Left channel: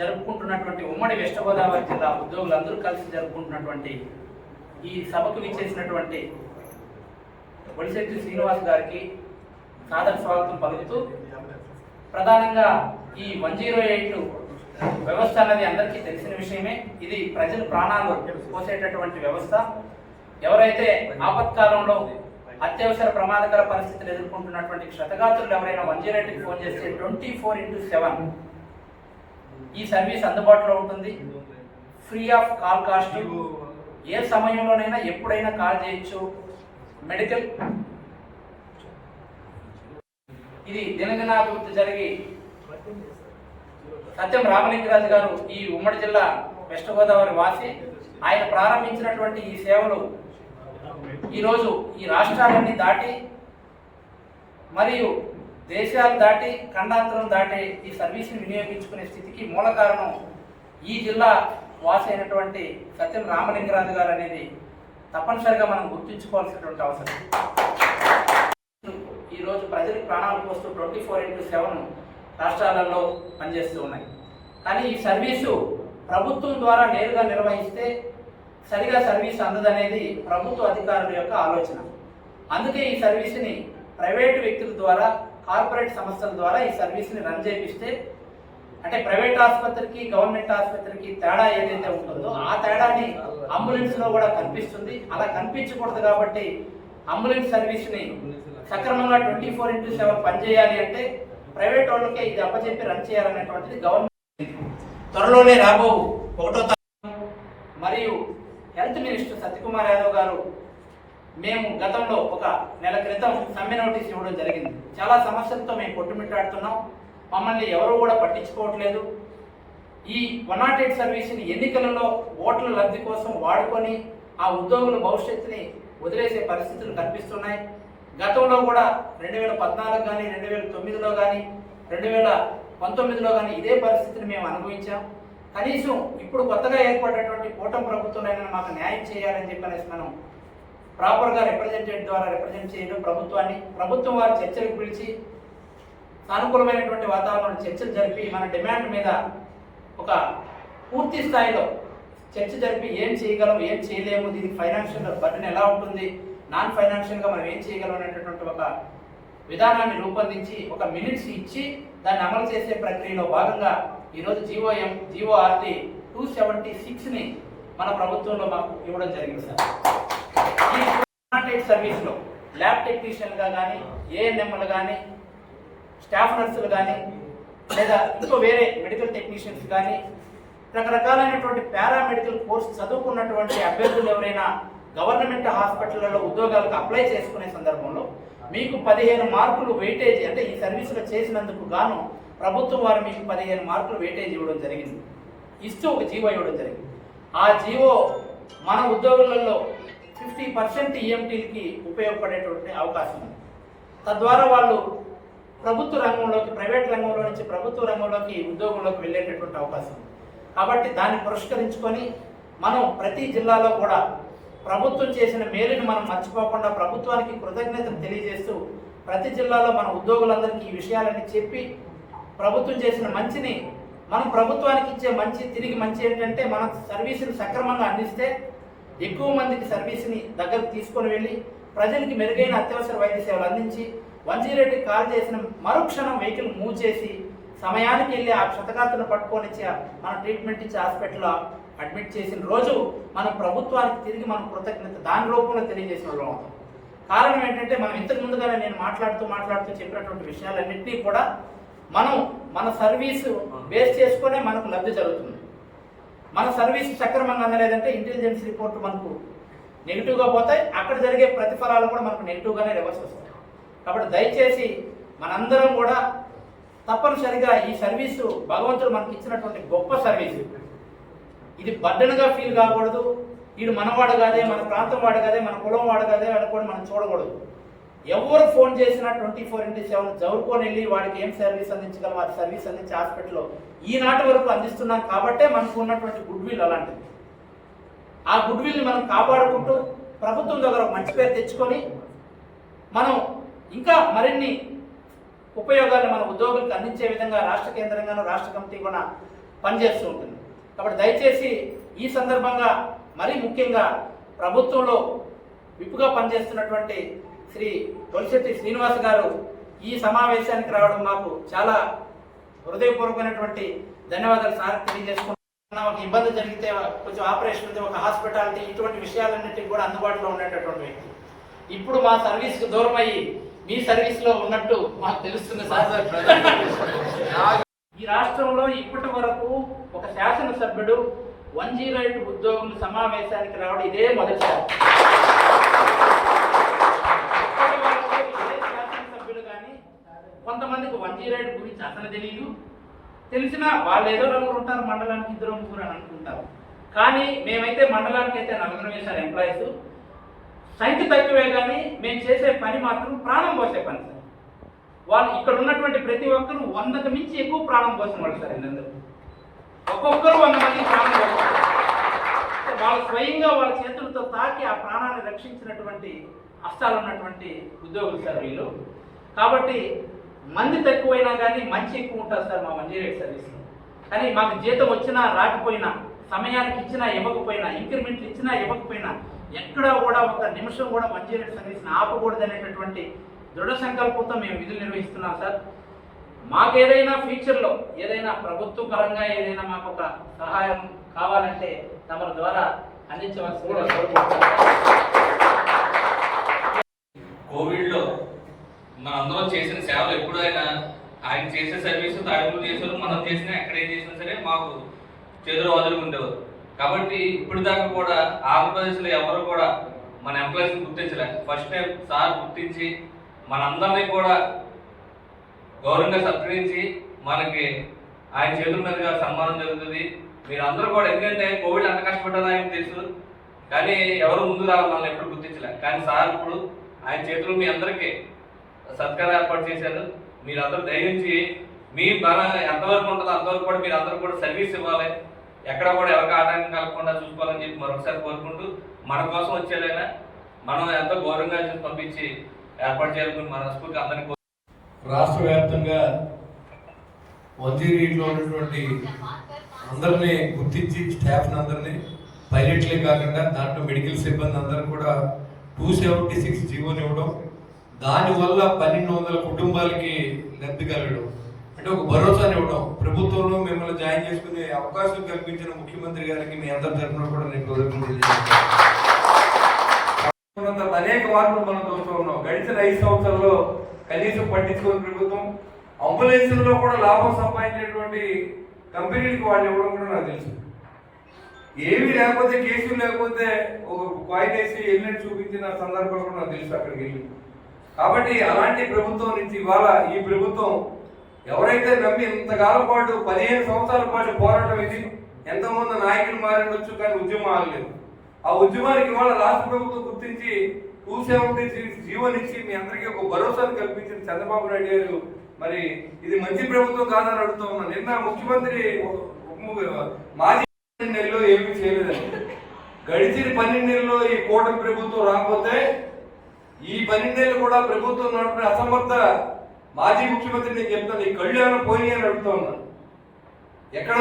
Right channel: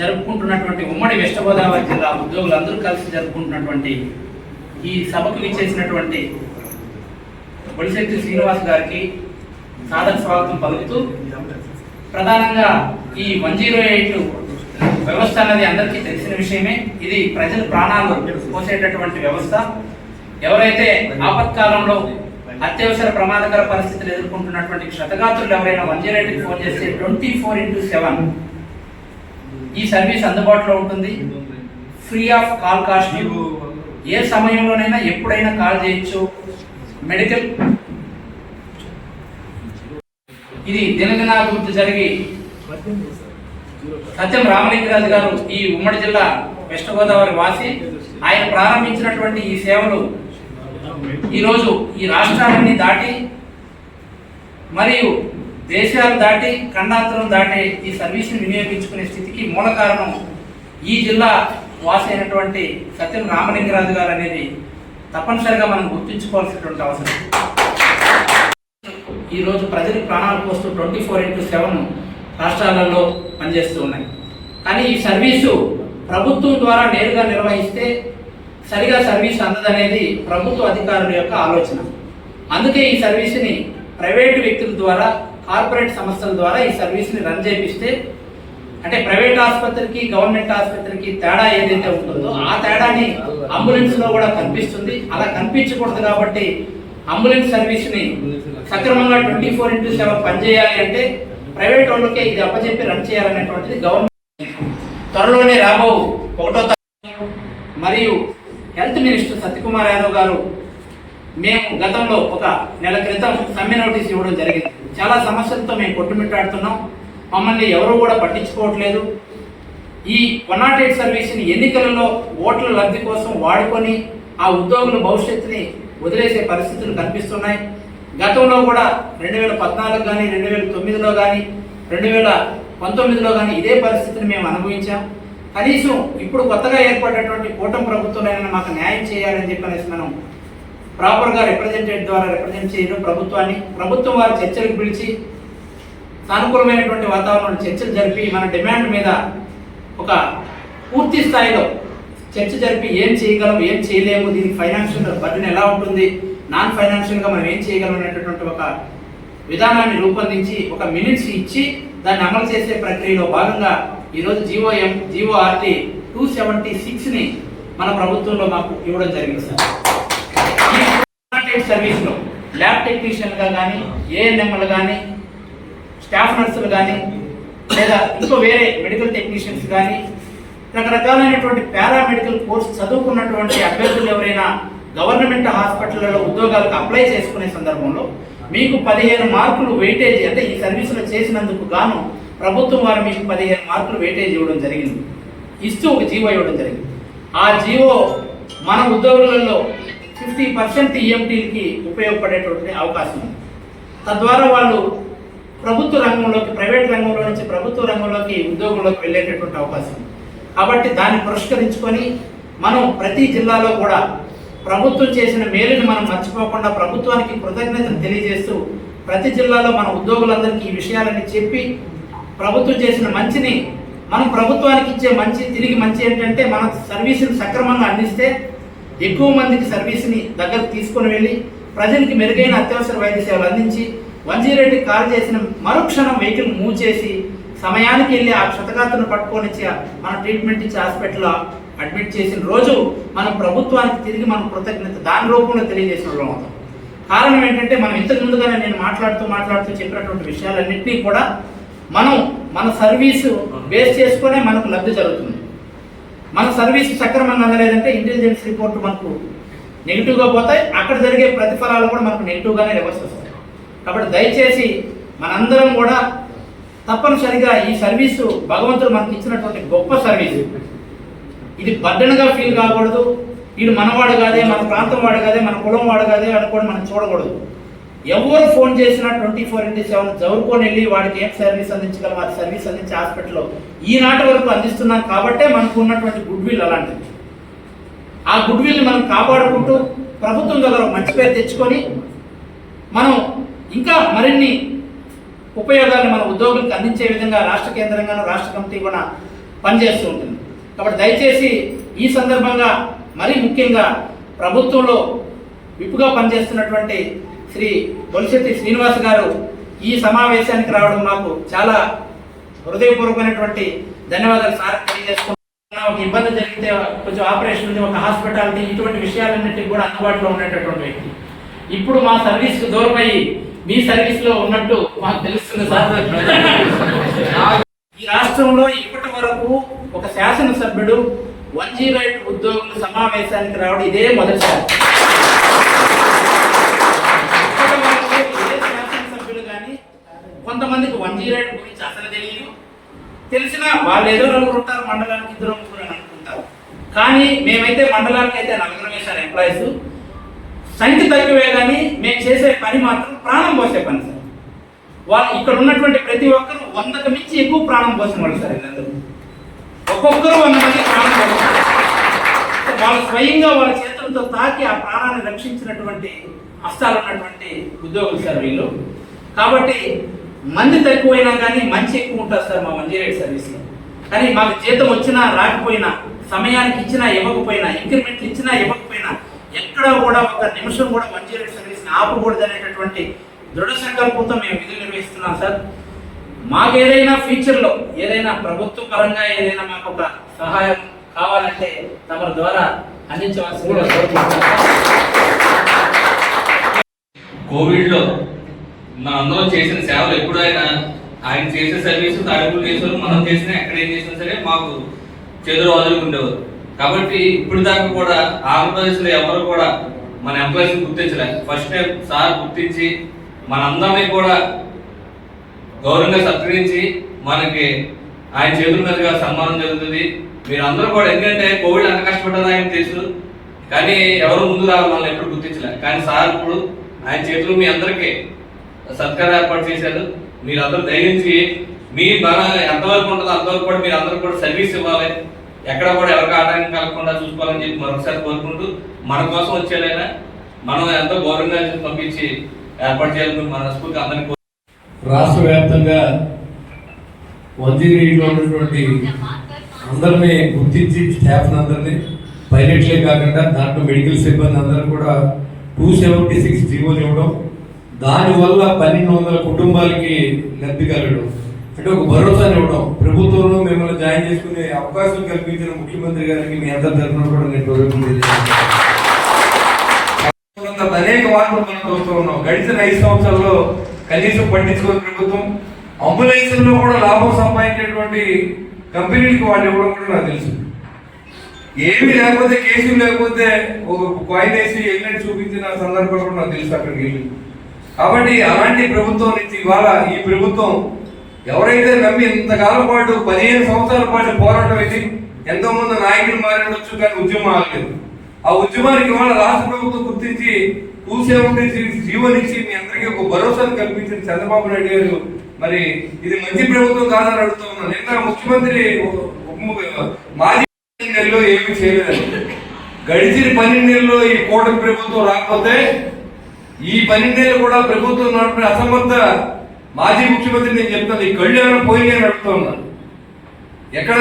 జరుపుకుంటున్నటువంటి ఉమ్మడి వెస్ట్ గోదావరి జిల్లా ఉద్యోగులందరూ కలిసి జరుపుకుంటున్నటువంటి ఈ సభకు విచ్చేసినటువంటి బొడిశెట్టి శ్రీనివాస్ గారికి సాదర స్వాగతం పలుకుతూ ప్రధానంగా ఈ వన్ జీరో ఎయిట్ వ్యవస్థ అనేది అందరికీ తెలిసిన విషయమే. ఇది ప్రజల ప్రాణాలు పోసేటటువంటి వ్యవస్థ. ఎవరైతే ఆపత్కాలంలో అత్యవసర ప్రమాదకర పరిస్థితులు ఎదుర్కొంటున్నటువంటి క్షతగాత్రులు ఎవరైనా వన్ జీరో ఎయిట్కి ఫోన్ చేస్తే ట్వంటీ ఫోర్ ఇంటూ సెవెన్ ఈ సర్వీస్ అందుబాటులో ఉంటుంది. ఫ్రీ ఆఫ్ కాల్ కాస్ట్ ఏ సమయంలోనైనా ఎప్పుడైనా కాల్ చేయొచ్చు. మెడికల్ ఇది దినదినాభివృద్ధి జరిగి సత్యం రామలింగరాజు గారు ఈ ఉమ్మడి జిల్లా వెస్ట్ గోదావరి వాసి. ఆయన ప్రారంభించినటువంటి ఈ సేవలు ఈరోజు ఈ రాష్ట్రాలన్నీ దాటి మరియు దేశాలు దాటి ఖండాంతరం దాటి ఈ సర్వీస్ని వినియోగించుకునే స్థితికి మూల కారణం ఈ జిల్లా వాసి అయినటువంటి సత్యం రామలింగరాజు గారు అనేది తప్పనిసరిగా మనం గుర్తుంచుకోవాల్సినటువంటి అవసరం. ఈరోజు ప్రజలకు ప్రాణాలు పోస్తూ ట్వంటీ ఫోర్ ఇంటూ సెవెన్ రాష్ట్రాలలో పనిచేస్తూ ఉన్నాయి. కానీ ఈ సర్వీసు ప్రభుత్వం ద్వారా నేరుగా నిర్వహిస్తే సరిగా సర్వీస్ అందదనేది ప్రభుత్వ అధికారుల యొక్క ఆలోచన. అందుకే ఈ సర్వీసుని ప్రైవేటు వ్యక్తుల ద్వారా కార్పొరేట్ సంస్థల ద్వారా ఈ సర్వీస్ని రన్ చేపిస్తే అంటే ప్రైవేట్ ఆసుపత్రికి గవర్నమెంట్ ఆసుపత్రికి తేడా ఏదైతే ఉంటుందో ఆ తేడాని అంబులెన్స్లో కూడా కనిపిస్తుంది. అలా కనిపించకూడదు కాబట్టి అంబులెన్స్ సర్వీస్ని సక్రమంగా ట్వంటీ ఫోర్ ఇంటూ సెవెన్ పనిచేయాలి అంటే ప్రైవేట్ వాళ్ళకే ఇది అప్పచెప్పి రన్ చేయాలనేటువంటిది గవర్నమెంట్ త్వరలోనే రాబో ఒకటో తారీఖు మరియు హెల్త్ మినిస్టర్ సత్యకుమార్ యాదవ్ గారు మేము గతంలో ఒక నెల క్రితం సమ్మె నోటీస్ ఇవ్వడం జరిగింది. చాలా సమస్యలతో మేము కొట్టుమిట్టాడుతున్నాం. మమ్మల్ని ఎవరు కూడా పట్టించుకోవట్లేదు. ఈ వన్ నాట్ ఎయిట్ సర్వీస్ని ఎన్నికలలో ఓట్ల లబ్ధి కోసం వాడుకొని ఆ ఉద్యోగుల భవిష్యత్తుని వదిలేసే పరిస్థితులు కనిపిస్తున్నాయి. గతంలో కూడా రెండు వేల పద్నాలుగు కానీ రెండు వేల తొమ్మిదిలో కానీ రెండు వేల పంతొమ్మిదిలో కానీ ఇదే పరిస్థితిని మేము అనుభవించాం. కనీసం ఇప్పుడు కొత్తగా ఏర్పడినటువంటి కూటమి ప్రభుత్వం మాకు న్యాయం చేయాలని చెప్పనేసి మనం ప్రాపర్గా రిప్రజెంటేటివ్ ద్వారా రిప్రజెంట్ చేయడం ప్రభుత్వాన్ని ప్రభుత్వం వారి చర్చలకు పిలిచి సానుకూలమైనటువంటి వాతావరణంలో చర్చలు జరిపి మన డిమాండ్ మీద ఒక పూర్తి స్థాయిలో చర్చ జరిపి ఏం చేయగలం ఏం చేయలేము దీనికి ఫైనాన్షియల్ బర్డెన్ ఎలా ఉంటుంది నాన్ ఫైనాన్షియల్గా మనం ఏం చేయగలం అనేటటువంటి ఒక విధానాన్ని రూపొందించి ఒక మినిట్స్ ఇచ్చి దాన్ని అమలు చేసే ప్రక్రియలో భాగంగా ఈరోజు జీవోఎం జీవోఆర్టీ టూ సెవెంటీ సిక్స్ని మన ప్రభుత్వంలో మాకు ఇవ్వడం జరిగింది సార్. కాంటాక్ట్ సర్వీస్లో ల్యాబ్ టెక్నీషియన్గా కానీ ఏఎన్ఎంలు కానీ స్టాఫ్ నర్సులు కానీ లేదా ఇంకో వేరే మెడికల్ టెక్నీషియన్స్ కానీ రకరకాలైనటువంటి పారామెడికల్ కోర్స్ చదువుకున్నటువంటి అభ్యర్థులు ఎవరైనా గవర్నమెంట్ హాస్పిటల్లో ఉద్యోగాలకు అప్లై చేసుకునే సందర్భంలో మీకు పదిహేను మార్కులు వెయిటేజ్ అంటే ఈ సర్వీసులో చేసినందుకు గాను ప్రభుత్వం వారు మీకు పదిహేను మార్కులు వెయిటేజ్ ఇవ్వడం జరిగింది. ఇస్తూ ఒక జీవో ఇవ్వడం జరిగింది. ఆ జీవో మన ఉద్యోగులలో ఫిఫ్టీ పర్సెంట్ ఈఎంటీలకి ఉపయోగపడేటువంటి అవకాశం ఉంది. తద్వారా వాళ్ళు ప్రభుత్వ రంగంలోకి ప్రైవేట్ రంగంలో నుంచి ప్రభుత్వ రంగంలోకి ఉద్యోగంలోకి వెళ్ళేటటువంటి అవకాశం ఉంది. కాబట్టి దాన్ని పురస్కరించుకొని మనం ప్రతి జిల్లాలో కూడా ప్రభుత్వం చేసిన మేలుని మనం మర్చిపోకుండా ప్రభుత్వానికి కృతజ్ఞతలు తెలియజేస్తూ ప్రతి జిల్లాలో మన ఉద్యోగులందరికీ ఈ విషయాలని చెప్పి ప్రభుత్వం చేసిన మంచిని మనం ప్రభుత్వానికి ఇచ్చే మంచి తిరిగి మంచి ఏంటంటే మన సర్వీసులు సక్రమంగా అందిస్తే ఎక్కువ మందికి సర్వీస్ని దగ్గరకు తీసుకొని వెళ్ళి ప్రజలకి మెరుగైన అత్యవసర వైద్య సేవలు అందించి వన్ జీరో ఎయిట్కి కాల్ చేసిన మరుక్షణం వెహికల్ మూవ్ చేసి సమయానికి వెళ్ళి ఆ క్షతగాత్రను పట్టుకొని మన ట్రీట్మెంట్ ఇచ్చి హాస్పిటల్లో అడ్మిట్ చేసిన రోజు మనం ప్రభుత్వానికి తిరిగి మనం కృతజ్ఞత దాని రూపంలో తెలియజేసిన వాళ్ళం అవుతాం. కారణం ఏంటంటే మనం ఇంతకు ముందుగానే నేను మాట్లాడుతూ మాట్లాడుతూ చెప్పినటువంటి విషయాలన్నింటినీ కూడా మనం మన సర్వీసు బేస్ చేసుకునే మనకు లబ్ధి జరుగుతుంది. మన సర్వీస్ సక్రమంగా అందలేదంటే ఇంటెలిజెన్స్ రిపోర్ట్ మనకు నెగిటివ్గా పోతాయి. అక్కడ జరిగే ప్రతిఫలాలు కూడా మనకు నెగిటివ్గానే రివర్స్ వస్తాయి. కాబట్టి దయచేసి మనందరం కూడా తప్పనిసరిగా ఈ సర్వీసు భగవంతుడు మనకి ఇచ్చినటువంటి గొప్ప సర్వీస్. ఇది బర్డన్గా ఫీల్ కాకూడదు. వీడు మనవాడు కాదే మన ప్రాంతం వాడు కాదే మన కులం వాడు కాదే అనుకోని మనం చూడకూడదు. ఎవరు ఫోన్ చేసినా ట్వంటీ ఫోర్ ఇంటూ సెవెన్ చదువుకొని వెళ్ళి వాడికి ఏం సర్వీస్ అందించగలం? అది సర్వీస్ అందించే హాస్పిటల్లో ఈనాటి వరకు అందిస్తున్నాం కాబట్టే మనకు ఉన్నటువంటి గుడ్ విల్ అలాంటిది. ఆ గుడ్ విల్ని మనం కాపాడుకుంటూ ప్రభుత్వం దగ్గర మంచి పేరు తెచ్చుకొని మనం ఇంకా మరిన్ని ఉపయోగాలను మన ఉద్యోగులకు అందించే విధంగా రాష్ట్ర కేంద్రంగాను రాష్ట్ర కమిటీ కూడా పనిచేస్తూ ఉంటుంది. కాబట్టి దయచేసి ఈ సందర్భంగా మరీ ముఖ్యంగా ప్రభుత్వంలో విప్పుగా పనిచేస్తున్నటువంటి శ్రీ బొలిశెట్టి శ్రీనివాస్ గారు ఈ సమావేశానికి రావడం నాకు చాలా హృదయపూర్వకమైనటువంటి ధన్యవాదాలు సార్ తెలియజేసుకుంటున్నా. ఒక ఇబ్బంది జరిగితే కొంచెం ఆపరేషన్ ఉంది ఒక హాస్పిటాలిటీ ఇటువంటి విషయాలన్నింటికి కూడా అందుబాటులో ఉండేటటువంటి వ్యక్తి. ఇప్పుడు మా సర్వీస్కు దూరం అయ్యి మీ సర్వీస్లో ఉన్నట్టు మాకు తెలుస్తుంది సార్. ఈ రాష్ట్రంలో ఇప్పటి వరకు ఒక శాసనసభ్యుడు వన్ జీరో ఎయిట్ ఉద్యోగుల సమావేశానికి రావడం ఇదే మొదటిసారి ఇప్పటి వరకు ఏ శాసనసభ్యులు కానీ కొంతమందికి వన్ జీరో ఎయిట్ గురించి అసలు తెలియదు తెలిసిన వాళ్ళు ఏదో నలుగురు ఉంటారు మండలానికి ఇద్దరు ముగ్గురు అని అనుకుంటారు. కానీ మేమైతే మండలానికి అయితే నలుగురు వేశారు ఎంప్లాయీస్ సంఖ్య తక్కువే కానీ మేము చేసే పని మాత్రం ప్రాణం పోసే పని సార్. వాళ్ళు ఇక్కడ ఉన్నటువంటి ప్రతి ఒక్కరు వందకు మించి ఎక్కువ ప్రాణం పోసిన వాళ్ళు సార్ వీళ్ళందరూ ఒక్కొక్కరు వంద మంది ప్రాణం పోసారు వాళ్ళు స్వయంగా వాళ్ళ చేతులతో తాకి ఆ ప్రాణాన్ని రక్షించినటువంటి హస్తాలు ఉన్నటువంటి ఉద్యోగులు సార్ వీళ్ళు. కాబట్టి మంది తక్కువైనా కానీ మంచి ఎక్కువ ఉంటుంది సార్ మా మంజీరేట్ సర్వీస్లో. కానీ మాకు జీతం వచ్చినా రాకపోయినా సమయానికి ఇచ్చినా ఇవ్వకపోయినా ఇంక్రిమెంట్లు ఇచ్చినా ఇవ్వకపోయినా ఎక్కడ కూడా ఒక నిమిషం కూడా మంజీరేట్ సర్వీస్ని ఆపకూడదు అనేటటువంటి దృఢ సంకల్పంతో మేము విధులు నిర్వహిస్తున్నాం సార్. మాకు ఏదైనా ఫ్యూచర్లో ఏదైనా ప్రభుత్వ పరంగా ఏదైనా మాకు ఒక సహాయం కావాలంటే తమ ద్వారా అందించవలసి కూడా కోవిడ్లో మన అందరం చేసిన సేవలు ఎప్పుడైనా ఆయన చేసే సర్వీస్ తారీఖులు చేసేవారు మనం చేసినా ఎక్కడ ఏం చేసినా సరే మాకు చేతులు వదులు ఉండేవారు. కాబట్టి ఇప్పుడు దాకా కూడా ఆంధ్రప్రదేశ్లో ఎవరు కూడా మన ఎంప్లాయీస్ గుర్తించలేదు ఫస్ట్ టైం సార్ గుర్తించి మనందరినీ కూడా గౌరవంగా సత్కరించి మనకి ఆయన చేతుల మీదుగా సన్మానం జరుగుతుంది. మీరు అందరూ కూడా ఎందుకంటే కోవిడ్ అంత కష్టపడ్డారు ఆయన తెలుసు. కానీ ఎవరు ముందు రావాలి ఎప్పుడు గుర్తించలే. కానీ సార్ ఇప్పుడు ఆయన చేతులు మీ అందరికీ సత్కారం ఏర్పాటు చేశారు. మీరు అందరూ దయించి మీ బల ఎంతవరకు ఉంటుందో అంతవరకు కూడా మీరు అందరూ కూడా సర్వీస్ ఇవ్వాలి. ఎక్కడ కూడా ఎవరికి ఆటంకం కలగకుండా చూసుకోవాలని చెప్పి మరొకసారి కోరుకుంటూ మన కోసం వచ్చేదైనా మనం ఎంతో గౌరవంగా పంపించి ఏర్పాటు చేయాలని మనస్ఫూర్తి అందరికీ కోరు- రాష్ట్ర వ్యాప్తంగా వజీరీలో ఉన్నటువంటి అందరినీ గుర్తించి స్టాఫ్ అందరినీ పైలట్లే కాకుండా దాంట్లో మెడికల్ సిబ్బంది అందరూ కూడా టూ సెవెంటీ సిక్స్ జీవోలు ఇవ్వడం దానివల్ల పన్నెండు వందల కుటుంబాలకి లబ్ధి కలగడం. అంటే ఒక భరోసాని ఇవ్వడం. ప్రభుత్వంలో మిమ్మల్ని జాయిన్ చేసుకునే అవకాశం కల్పించిన ముఖ్యమంత్రి గారికి మీ అందరి తరఫున కూడా నేను గౌరవం అనేక వార్తలు మనం చూస్తూ ఉన్నాం. గడిచిన ఐదు సంవత్సరాల్లో కనీసం పట్టించుకున్న ప్రభుత్వం అంబులెన్స్లో కూడా లాభం సంపాదించేటువంటి కంపెనీలకు వాళ్ళు ఇవ్వడం కూడా నాకు తెలుసు. ఏమి లేకపోతే కేసులు లేకపోతే ఒక కాయిన్ వేసి వెళ్ళినట్టు చూపించిన సందర్భం కూడా నాకు తెలుసు అక్కడికి వెళ్ళి. కాబట్టి అలాంటి ప్రభుత్వం నుంచి ఇవాళ ఈ ప్రభుత్వం ఎవరైతే నమ్మి ఇంతకాలం పాటు పదిహేను సంవత్సరాల పాటు పోరాటం ఇది ఎంతో మంది నాయకులు మారినొచ్చు కానీ ఉద్యమం ఆగలేదు. ఆ ఉద్యమానికి ఇవాళ రాష్ట్ర ప్రభుత్వం గుర్తించి టూ జీవనిచ్చి మీ అందరికీ ఒక భరోసాను కల్పించిన చంద్రబాబు నాయుడు గారు. మరి ఇది మంచి ప్రభుత్వం కాదని అడుగుతూ ఉన్నాను నిన్న ముఖ్యమంత్రి మాజీ నెలలో ఏమీ చేయలేదండి. గడిచిన పన్నెండు నెలలో ఈ కూటమి ప్రభుత్వం రాకపోతే ఈ పన్నెండేళ్ళు కూడా ప్రభుత్వం నడిపిన అసమర్థ మాజీ ముఖ్యమంత్రి నేను చెప్తాను ఈ కళ్ళు ఏమైనా పోయినాయి అడుగుతా ఉన్నాను ఎక్కడ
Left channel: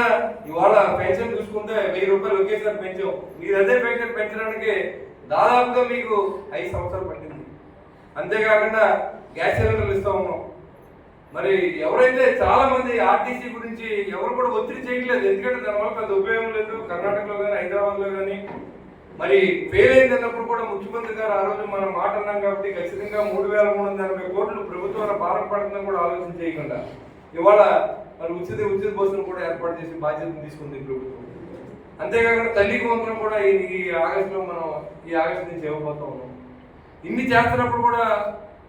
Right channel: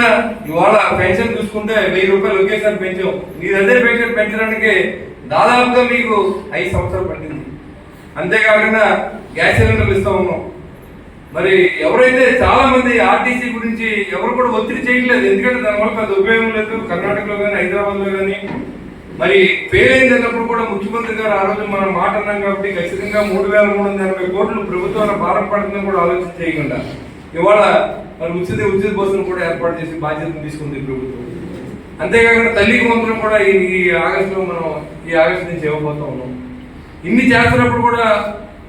ఇవాళ పెన్షన్ చూసుకుంటే వెయ్యి రూపాయలు ఒకేసారి పెంచాం మీరు అదే పెన్షన్ పెంచడానికి దాదాపుగా మీకు ఐదు సంవత్సరాలు పట్టింది. అంతేకాకుండా గ్యాస్ సిలిండర్లు ఇస్తా ఉన్నాం. మరి ఎవరైతే చాలా మంది ఆర్టీసీ గురించి ఎవరు కూడా ఒత్తిడి చేయట్లేదు. ఎందుకంటే దానివల్ల పెద్ద ఉపయోగం లేదు. కర్ణాటకలో కానీ హైదరాబాద్లో కానీ మరి ఫెయిల్ అయింది అన్నప్పుడు కూడా ముఖ్యమంత్రి గారు ఆ రోజు మనం మాట అన్నాం కాబట్టి ఖచ్చితంగా మూడు వేల మూడు వందల ఎనభై కోట్లు ప్రభుత్వాన్ని భారం పడుతుందని కూడా ఆలోచన చేయకుండా ఇవాళ మరి ఉచిత ఉచిత బస్సును కూడా ఏర్పాటు చేసి బాధ్యతను తీసుకుంది ప్రభుత్వం. అంతేకాకుండా తల్లికి వందనం కూడా ఈ ఆగస్టులో మనం ఈ ఆగస్టు నుంచి ఇవ్వబోతా ఉన్నాం. ఇన్ని చేస్తున్నప్పుడు కూడా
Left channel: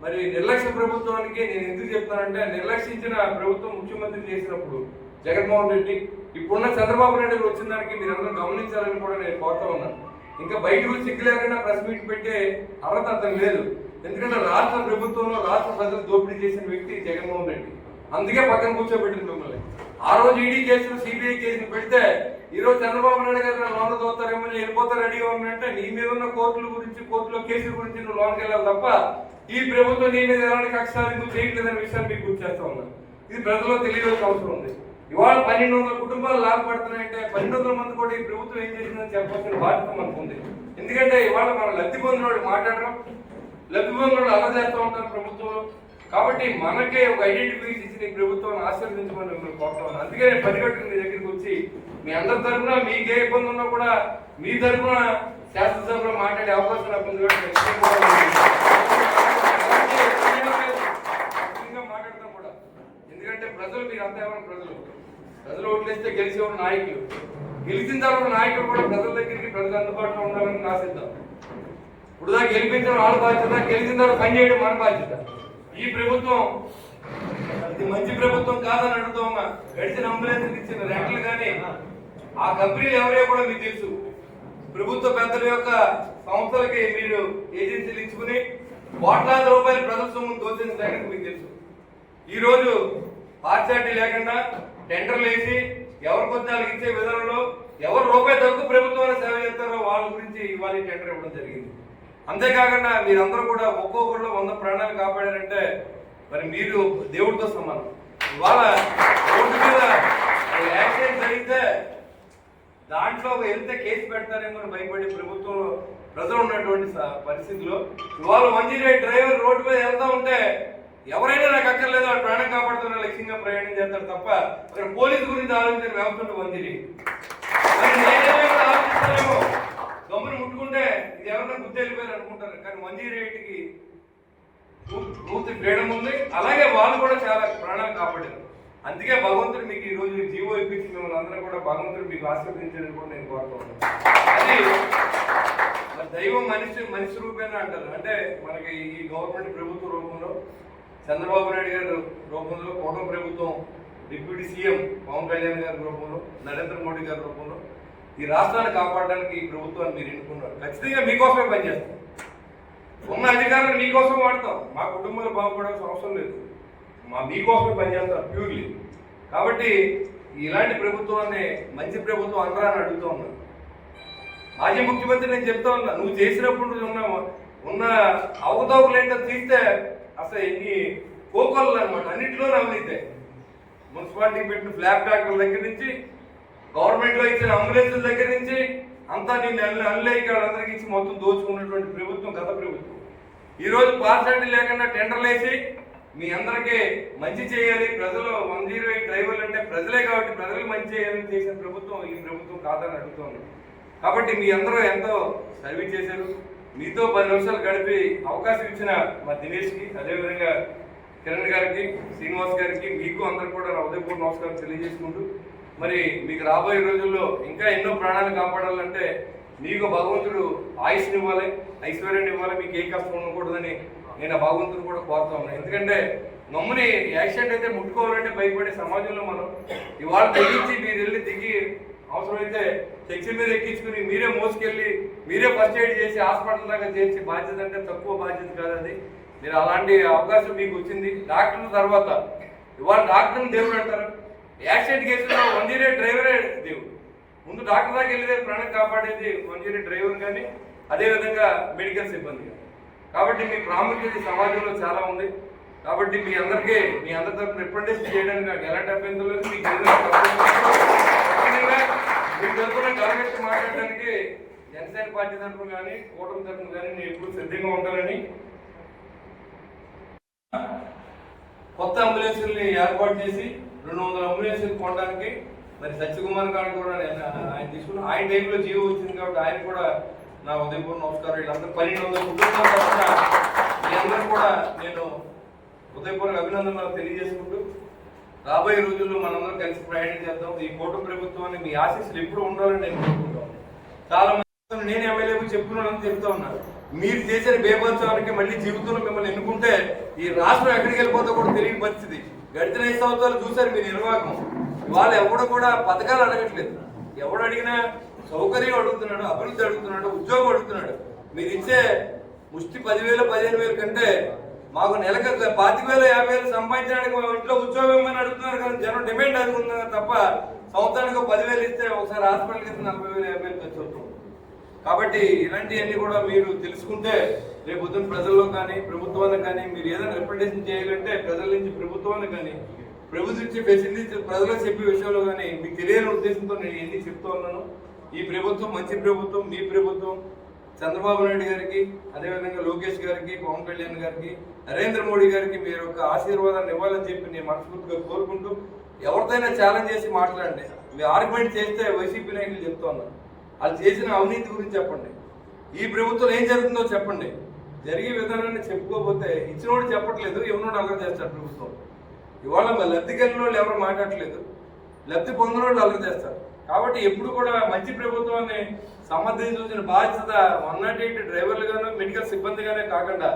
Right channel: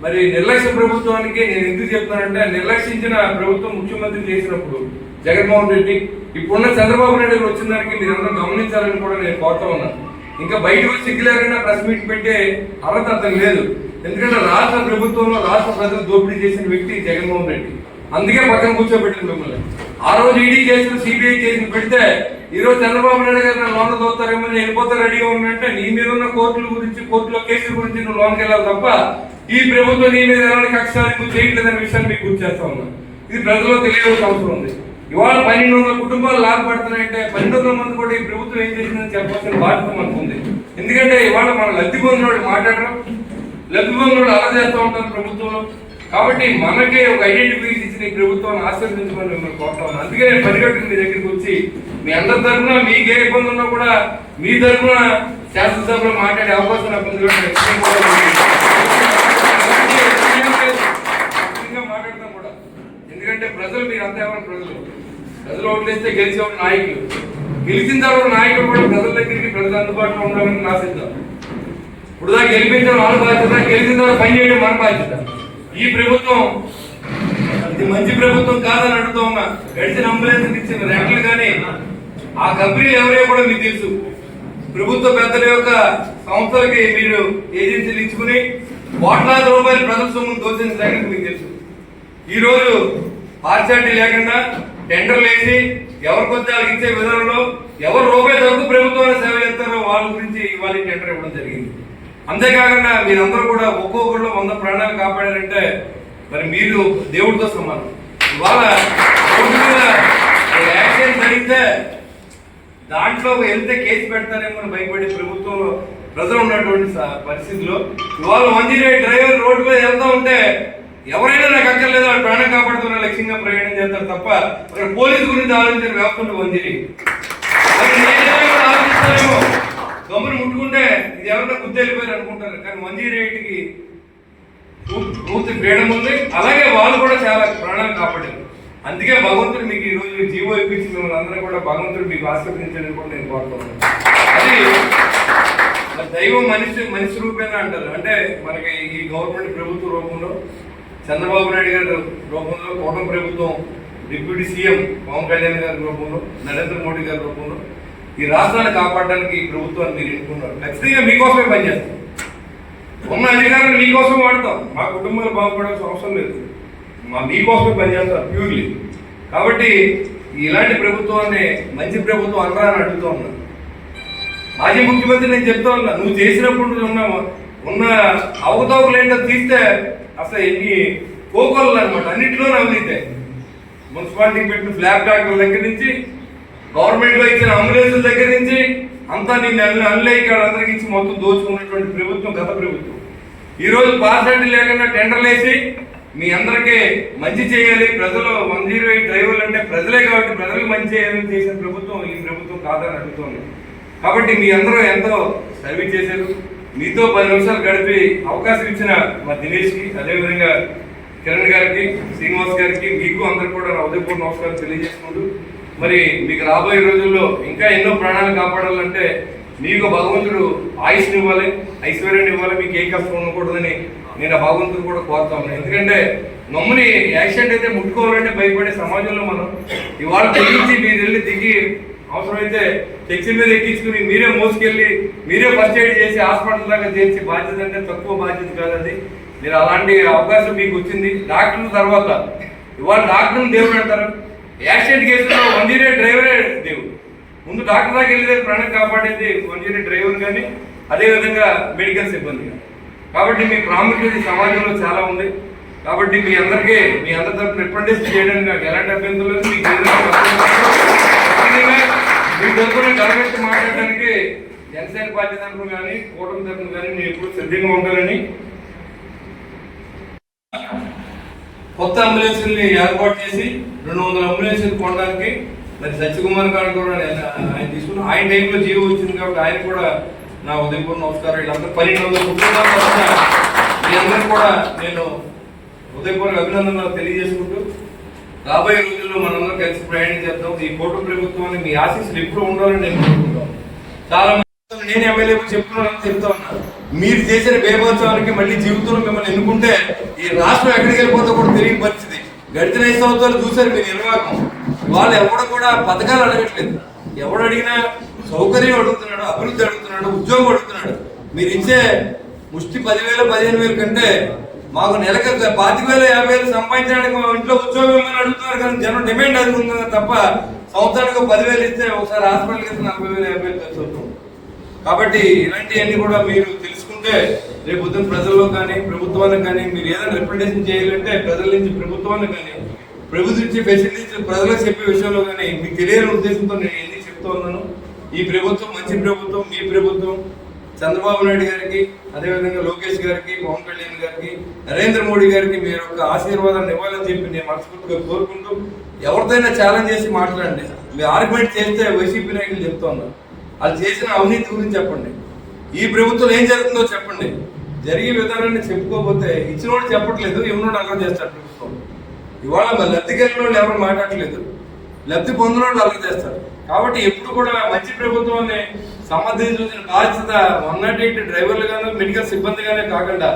మరి నిర్లక్ష్య ప్రభుత్వానికి నేను ఎందుకు చెప్తానంటే నిర్లక్ష్యించిన ప్రభుత్వం ముఖ్యమంత్రి చేసినప్పుడు జగన్మోహన్ రెడ్డి ఇప్పుడున్న చంద్రబాబు నాయుడు వచ్చిన దానికి మీరందరూ గమనించాలని కూడా నేను కోరుతా ఉన్నాను. ఇంకా బయటకు సిగ్గు లేకుండా ప్రెస్ మీట్ పెట్టే అర్హత అతను లేదు. ఎందుకంటే రాష్ట్ర ప్రభుత్వంలో రాష్ట్ర ప్రజలు దోపిడీ చేసిన వ్యక్తి జగన్మోహన్ రెడ్డి. అందుకే పక్కన కూర్చోబెట్టింది మిమ్మల్ని. ఆ రోజు ఈడీ కేసులు సిబిఐ కేసులు పెడితే ఈ రోజు చంద్రబాబు నాయుడు గారు నా లోన్లు దోస్తారేమో నేను వెళ్ళిపోతా రెడీగా ఉన్నంటే నీ మీద ఉన్న కోర్టుల గురించి కోర్టులో కేసుల గురించి నువ్వు లోన్కి వెళ్ళాలి తప్ప ఈ ప్రభుత్వం నీ మీద ఎలాంటి కక్షాలు నువ్వు చేయట్లేదనే విషయాన్ని మీకు గుర్తు చేస్తా ఉన్నా. ఇది ప్రజల్లో తెలియవలసిన అవసరం ఉంది. ఇవాళ పన్నెండు వందల కుటుంబాలు లాభపడుతున్నాయంటే పన్నెండు వందల మంది కూడా ఈ ప్రభుత్వం ఏం చేసిందని చెప్పాల్సిన బాధ్యత మనకు ఉంది ఎందుకంటే ఇవాళ మనం లబ్ధి పొందినోడు మాట్లాడడం లబ్ధి పొందినోడు అలా చేస్తూ ఉంటారు ప్రభుత్వంలో. కాబట్టి మనకే ఒక ఐడెంటిఫై ఇచ్చిన ఈ ప్రభుత్వాన్ని ఆశీర్వదించమని మిమ్మల్ని కోరుతా ఉన్నాను అందుకే నేను పరిగెట్టుకుని మీ దగ్గరికి వచ్చి మీ అందరి తరఫున మీకే ఇబ్బంది ఉన్నా కూడా మీ తరఫున శాసనసభలో మాట్లాడే అవకాశం నాకు ఉంది కూడా మాట్లాడతాం కూడా. ఎందుకంటే ప్రజలు మీరు అంతా ఎవరు ప్రజలు. ప్రజలు ఓట్లేస్తే గెలిచేవాడు నాయకులు గెలిచిన తర్వాత నాయకుడు కూడా ప్రజల దగ్గరికి ప్రజలు అందుబాటులో ఉండాలని ఆశిద్దాం ఇప్పుడు దాకా గెలిపించడం వాళ్ళ బాధ్యత గెలిచిన తర్వాత పని చేయడం మన బాధ్యత. ఈ ప్రభుత్వం ఇది మంచి ప్రభుత్వం కాదని అడుగుతూ ఉన్నా గడిచిన అంబులెన్స్ ఇచ్చిన ర్యాంకులు కానీ ఆ కంపెనీలు ఎవరో కూడా మీకు తెలుసు. ప్రభుత్వ పెద్దల యొక్క సంస్థలకి మీరు ఏజెన్సీలు ఇచ్చుకుని కోట్లాది రూపాయలు ప్రజల సొమ్మును దోచిన సంగతి మీకు తెలుసు. ఈరోజు పార్చాటీ లేకుండా టెండర్లు వేసి ఎవరికి వచ్చి వాళ్ళకి ఇచ్చే విధానంలో ఎవరు రూపాయి తక్కువ ప్రభుత్వాన్ని సేవ చేస్తారో వాళ్ళ గురించి ఇవాళ టెండర్ ఇవ్వడం జరిగింది. అంతేకాకుండా మీరందరూ కూడా ఒక్కొక్కళ్ళు వంద ప్రాణాలు కాపాడారంటే మరి మీరు దేవుడితో సమానం. ఇవాళ రోడ్డు మీద యాక్సిడెంట్ జరిగితే దాంట్లో వెళ్తే కేసు పెడతారేమో అని భయపడి ప్రభుత్వంలో ప్రజలు ఉన్నటువంటి పరిస్థితిలో ఇవాళ one zero eight driver road మీద వెళ్తా ఉంటే ఎవరైనా నాకు అక్కర్లేదు వాళ్ళు ప్రాణం కాపాడుతున్న లక్ష్యంగా ప్రయాణం చేస్తారు తప్ప అక్కడ పోలీసు గురించి ఆలోచించిన వ్యవస్థ ఉంది వన్ గమ్మును ముట్టుకుంటే ఇది ఎవరన్నా గుర్తు వెళ్ళిపోయారు అనుకుంటారు కానీ మంజీ రేటుకి పూర్తి ఫ్రీడమ్ ఉంది. అలాగే వాళ్ళు కూడా చాలా ప్రాణాలు కాపాడారు. అందుకే భగవంతుడు మీకు ఈ రోజు జీవో ఇప్పించి మిమ్మల్ని అందరూ కూడా భగవంతుడు మీకు ఆశీర్వదించడానికి కూడా నేను కోరుతున్నాను అది దైవం మనిషి మనిషి రూపేనా అంటారు? అంటే మనకి ఈ గవర్నమెంట్ ప్రభుత్వ రూపంలో చంద్రబాబు నాయుడు గారి రూపంలో కూటమి ప్రభుత్వం డిప్యూటీ సీఎం పవన్ కళ్యాణ్ గారి రూపంలో నరేంద్ర మోడీ గారి రూపంలో ఈ రాష్ట్రాన్ని కాపాడడానికి ఈ ప్రభుత్వాన్ని మీరు ఎన్నుకున్నారు. ఖచ్చితంగా మీకోసమే పనిచేస్తాం. ఉన్న అధికారులు మీకోసం వాడతాం. మా కుటుంబాలు బాగుపడాల్సిన అవసరం లేదు. మా మీకోసమే పనిచేస్తాం ప్యూర్లీ. కాబట్టి ఇలాంటి ప్రభుత్వాన్ని మంచి ప్రభుత్వం అనరా అని అడుగుతూ ఉన్నాను మాజీ ముఖ్యమంత్రి నేను చెప్తా ఉన్నా నువ్వు చేసినప్పుడు ఉన్న ఉన్న అవతవకలు ఏంటో తీస్తే అసలు ఎన్ని కోకొల్లు అనమాట అన్నింటిలోనే అవినీతే మున్సిపాలిటీ పెట్టిన ఫ్లాప్ డాక్టర్ల దగ్గర నుంచి గవర్నమెంట్లో ఇచ్చిన అంబులెన్సుల దగ్గర నుంచి అంతా నిన్ను అన్ని అన్లేక వాళ్ళందరికీ ఇచ్చి మొత్తం దోచుకున్నటువంటి ప్రభుత్వం గత ప్రభుత్వం. ఈరోజు రోజు పార్టీ లేకుండా టెండర్లు వేసి మీ అందరికీ మంచి చేయాలి ప్రజలు వన్ జీరో ఎయిట్ డ్రైవర్లు అంటే ప్రజలే కాబట్టి ప్రజలకు మంచి చేయాలని చేసిన ప్రభుత్వం ఈ ప్రభుత్వం కాదని అడుగుతోంది. కాబట్టి మీ అందరూ ఎంతో సర్వీస్ చేశారు. మీతో పది నిమిషాలు గడిపి అవకాశం ఇచ్చిన మా దినేష్కి అదేవిధంగా కిరణ్ గారికి శ్రీనివాస్ గారికి మీకు అందరు కూడా హృదయపూర్ణ నమస్కారం తెలియజేసుకుంటూ మరి మీకు రాబోయే రోజుల్లో ఇంకా ఎన్నో ప్రాణాలు కాపాడాలంటే మీకు భగవంతుడు ఆయుష్ని ఇవ్వాలి ఐశ్వర్యాన్ని ఇవ్వాలి మీకు ఏ కష్టం ఉండకూడదని నేను ఆ భగవంతుడు కూడా కోరుతా ఉన్నాను. ఎందుకంటే నమ్ముని యాక్సిడెంట్ అయితే ముట్టుకోవాలంటే భయపడే సమాజంలో మనం ఇవాళ తెలిసి మీరు వెళ్ళి దిగి అవసరమైతే టెక్సీ మీద ఎక్కించుకుని మీరే మోసుకెళ్ళి మీరే ఫస్ట్ ఎయిడ్ చేసి హాస్పిటల్ దాకా చేర్చి బాధ్యత అంటే తక్కువ బాధ్యత కాదండి. మీరు అలాంటి అవకాశం మీకు వచ్చింది. డాక్టర్ల తర్వాత ఇవాళ డాక్టర్ని దేవుడు అంటారు. యాక్సిడెంట్ కేసులో వన్ జీరో డ్రైవరే దేవుడు. ముందు డాక్టర్ దాకా వెళ్ళేది ప్రాణం కాపాడేది వన్ జీరో డ్రైవర్ కానీ అదేవిధంగా మెడికల్ సిబ్బంది కాబట్టి మీ ప్రాముఖ్యత సమాజంలో చాలా ఉంది. కాబట్టి మీ అందరికీ మీ అందరి తరఫున రిప్రజెంట్ చేయడానికి నాకు ఎలాంటి అభ్యంతరం లేదు. మీకు మీ తరఫున డైరెక్ట్ మాట్లాడడానికి జనసేన పార్టీ తరఫున కానీ కూటమి తరఫున కానీ నేను ఎప్పుడు సిద్ధంగా ఉంటానని కొత్త అంబులెన్స్ని ఏర్పాటు చేసి రెండు వందల అంబులెన్స్లు కొనడానికి మరి సత్యకుమార్ గారు కూడా నేను ఆయన తీసుకున్నాను ఆయన టైంలో జీవో వచ్చింది కాబట్టి ఆయన కూడా నా ఉదయపూర్ నమస్కారం. వీళ్ళందరూ పన్నెండు వందల కుటుంబాల మీ అందరూ కూడా నేను ఉదయపూర్ అభినందనలు తెలియజేసుకుంటూ రాబోయే రోజుల్లో మనందరం కలిసి ప్రయాణం చేద్దాం. ఈ కోటు ప్రభుత్వాన్ని మీ ఆశీస్సులు ఎప్పుడు ఉండాలని నేను కోరుకుంటాను చాలా మంది నేను ఎమ్మెల్యే చెప్తున్నానని చెప్తా ఉన్నాను మీరు చేసిన బేభత్సవానికి మళ్ళీ జీవితంలో మిమ్మల్ని ఎన్నుకుంటే ఈ రాష్ట్రం ఎక్కడికి వెళ్ళిపోతే కూడా తెలియని పరిస్థితి. గడిచిన ఐదు సంవత్సరాలు చూశారు మీ నిర్వాహకం. వాళ్ళు ఎవడ కూడా పథకాలు అడగట్లేదు. ఎవడు అడిగినా సౌకర్యం అడుగుతున్నాడు అభివృద్ధి అడుగుతున్నాడు ఉద్యోగం అడుగుతున్నాడు. మీరు ఇచ్చే ముష్టి పదివేలు పదిహేను వేలు కంటే మాకు నెలకు పాతిక వేల యాభై వేలు సంపాదించడానికి మా ఇంట్లో ఉద్యోగం ఇవ్వమని అడుగుతున్నారు కానీ జనం డిమాండ్ అది ఉంది తప్ప సంవత్సరానికి పదివేలు ఇస్తే ఒకసారి హాస్పిటల్కి ఇస్తే నలభై వేలు యాభై వేలు ఖర్చు అవుతుంది కాబట్టి ఇలాంటివన్నీ కూడా మీరు తెలుసుకుంటే రేపు పొద్దున్న ప్రజల్లో కానీ ప్రభుత్వానికి కానీ మీరు ఏదైనా రిప్రజెంటేషన్ చేయాలంటే ప్రజల నుంచి ప్రభుత్వానికి కానీ ప్రభుత్వం ఇచ్చే ఫెసిలిటీస్ ప్రజలకు చెప్పే విషయంలో కానీ మీకు తెలియని ఉద్దేశంతో నేను ఎన్ని చెప్తా ఉన్నాను ఈ ప్రభుత్వం మంచి ప్రభుత్వం మీ ప్రభుత్వం చంద్రబాబు నాయుడు గారికి అదేవిధంగా లోకేష్ గారికి పవన్ కళ్యాణ్ గారికి నరేంద్ర మోడీ గారికి మీరు ఒక ఆశీర్వాదాన్ని ఇవ్వాలని చెప్పి నేను మనస్ఫూర్తిగా కోరుకుంటూ ఎవరిదైనా ఛాలెంజ్ చేసి మాట్లాడండి. మీ ఆర్గ్యుమెంట్ చేస్తే వైసీపీ నాయకులు చెప్తున్నారు అది వాళ్ళు చేసిన అవినీతి గురించి చెప్పండి. ఈ ప్రభుత్వం ఏం జరుగుతుందో చెప్పండి. జరిగే విధానాన్ని చెప్పుకోకపోతే ఇచ్చినోడు చెప్పట్లేదు ఇవ్వనోడు అలా చేస్తారు ప్రభుత్వం. ఇవాళ లబ్ధి కలిగిన వాళ్ళు ఎవరు మాట్లాడట్లేదు. లబ్ధి పొందిన వాళ్ళు అలా చేస్తారు. కాబట్టి ఎప్పుడు కూడా మంచి ప్రభుత్వాన్ని సమర్థించిన బాధ్యత వన్ నాట్ ఎయిట్ డ్రైవర్లుగాను మెడికల్ సిబ్బందిగానే కాకుండా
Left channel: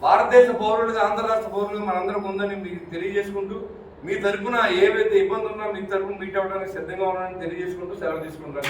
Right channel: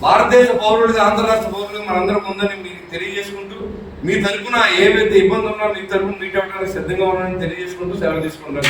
భారతదేశ పౌరులుగా ఆంధ్ర రాష్ట్ర పౌరులుగా మనందరం ఉందని మీకు తెలియజేసుకుంటూ మీ తరపున ఏవైతే ఇబ్బందులు ఉన్నా మీ తరపున మీట్ అవ్వడానికి సిద్ధంగా ఉన్నారని తెలియజేసుకుంటూ సెలవు తీసుకుంటాను